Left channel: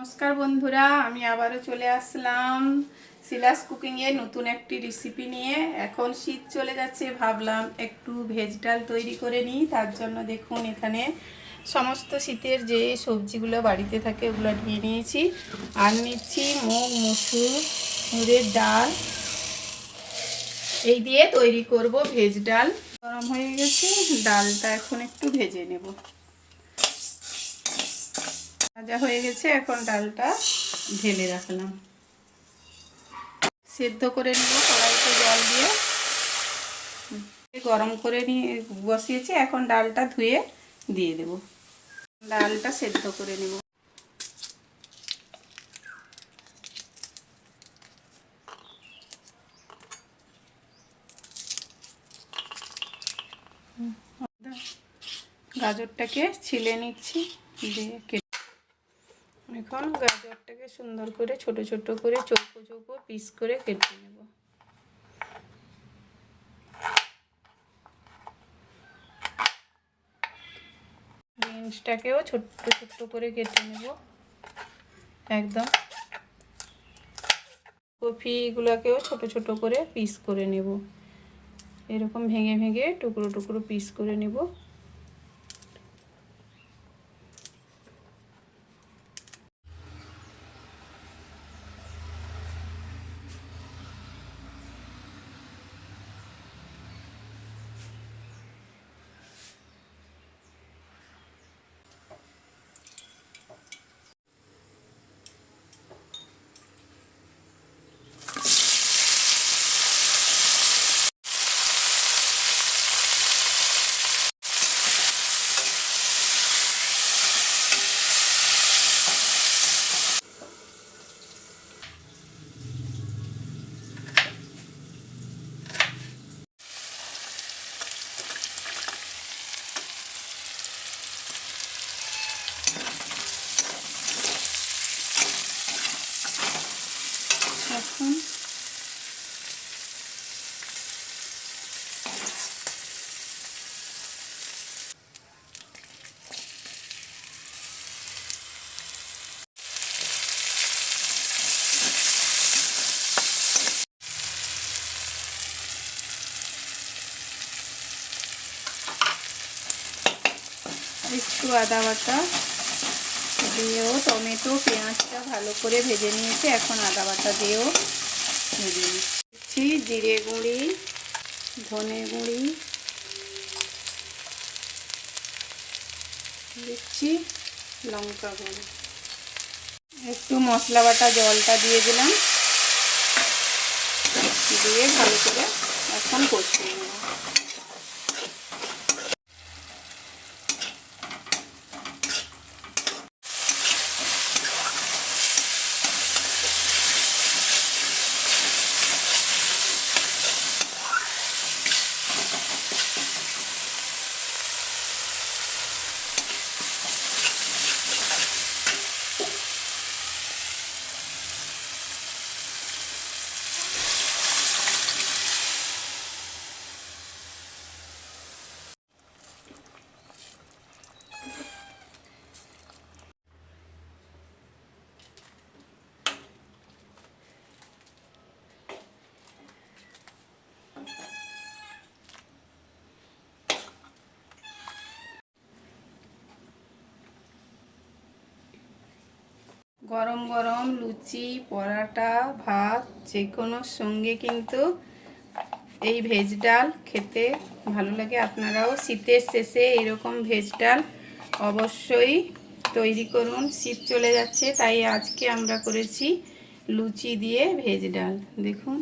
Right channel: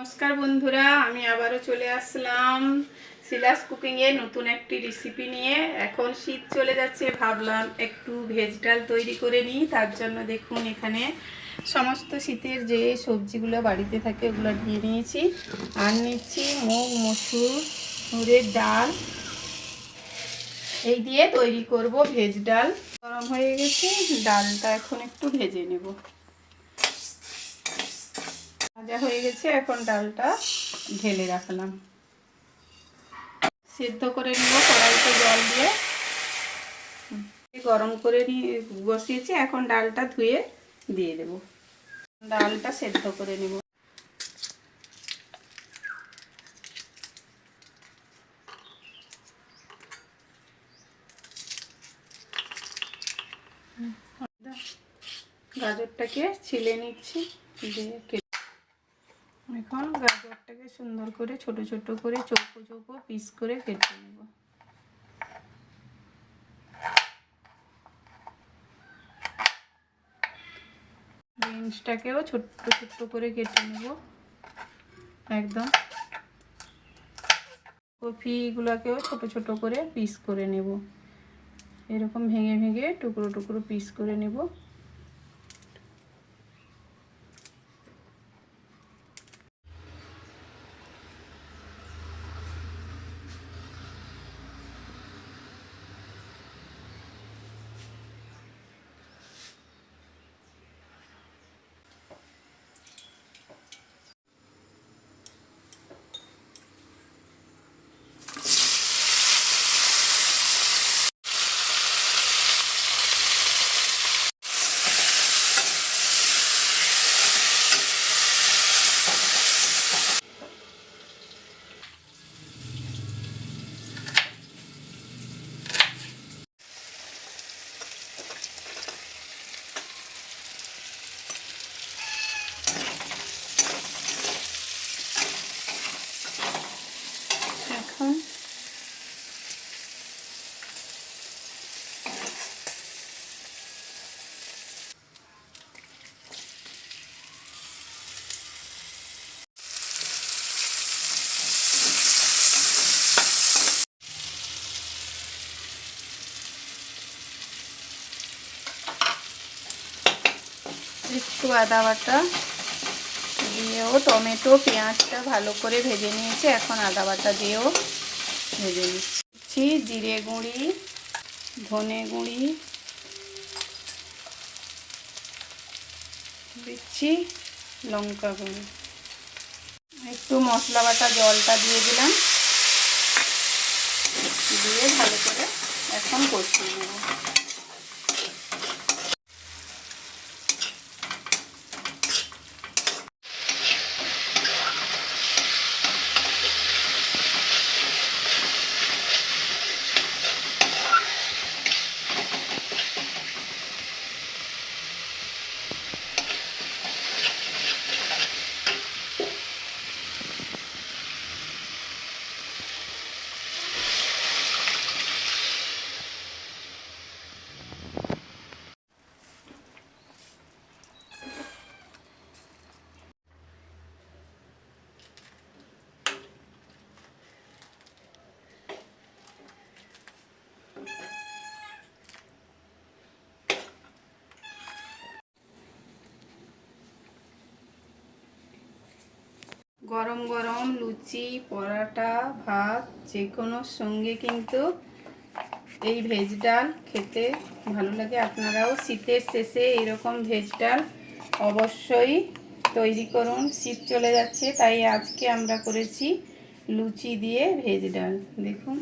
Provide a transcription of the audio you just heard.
নমস্কার বন্ধুরা, আমি আবারও চলে আসলাম শিলাস কুকিংয়ে নতুন একটি রেসিপি নিয়ে। এখন শীত চলে যাচ্ছে, ভাবলাম একটু ভেজ ডাল তৈরি করে নিই। তার জন্য দেখুন এখানে সমস্ত শীতের যে সবজিগুলো বাড়িতে থাকে ওগুলো নিয়ে নিয়েছি। আর নিচ্ছি মুগ মসুরের ডাল, এই দিয়ে তৈরি করব ভেজ ডাল। গরম হয়ে গেছে, ডালটা এখন একটু ভেজে নেব। ভাজা হয়ে গেছে, এখন ডালটা ঢেলে রাখলাম। সেদ্ধ করে নিব কড়াইতে জল দিয়ে, গরম করে নিয়ে বসিয়েছি। এখন ডালটা ধুয়ে দিয়ে দেব। ডালটা সেদ্ধ করে নিব। গাজরটাকে ছিলে নিচ্ছি, এখন গাজরটাকে সুন্দর করে ছোট ছোট করে চৌকো চৌকো পিস করে কেটে নেব। বিনসটাকেও ছোট্ট ছোট্ট করে কেটে নেব একদম। কপিগুলোকেও ছোট ছোট করে পিস করে নেব, এরকম ভেঙে ভেঙে টুকরো টুকরো পিস করে নেব। এখন একটু আদা বাটা দিয়েও, টমেটো পেঁয়াজটা ভালো করে ভেজে নিয়েছি। এখন আদা বাটা দিয়েও ভেজে নিচ্ছি। জিরে গুঁড়ি, ধনে গুঁড়ি দিচ্ছি, লঙ্কা গুঁড়ি, একটু মশলা বাটা জলটা দিয়ে দিলাম, দিয়ে ভালো করে এখন কষিয়ে নেব। গরম গরম লুচি, পরোটা, ভাত যে কোনোর সঙ্গে কিন্তু এই ভেজ ডাল খেতে ভালো লাগে। আপনারাও শীতের শেষে এইরকম ভেজ ডাল অবশ্যই তৈরি করুন। শীত চলে যাচ্ছে, তাই আজকে আমরা করেছি লুচি দিয়ে ভেজ ডাল। দেখুন।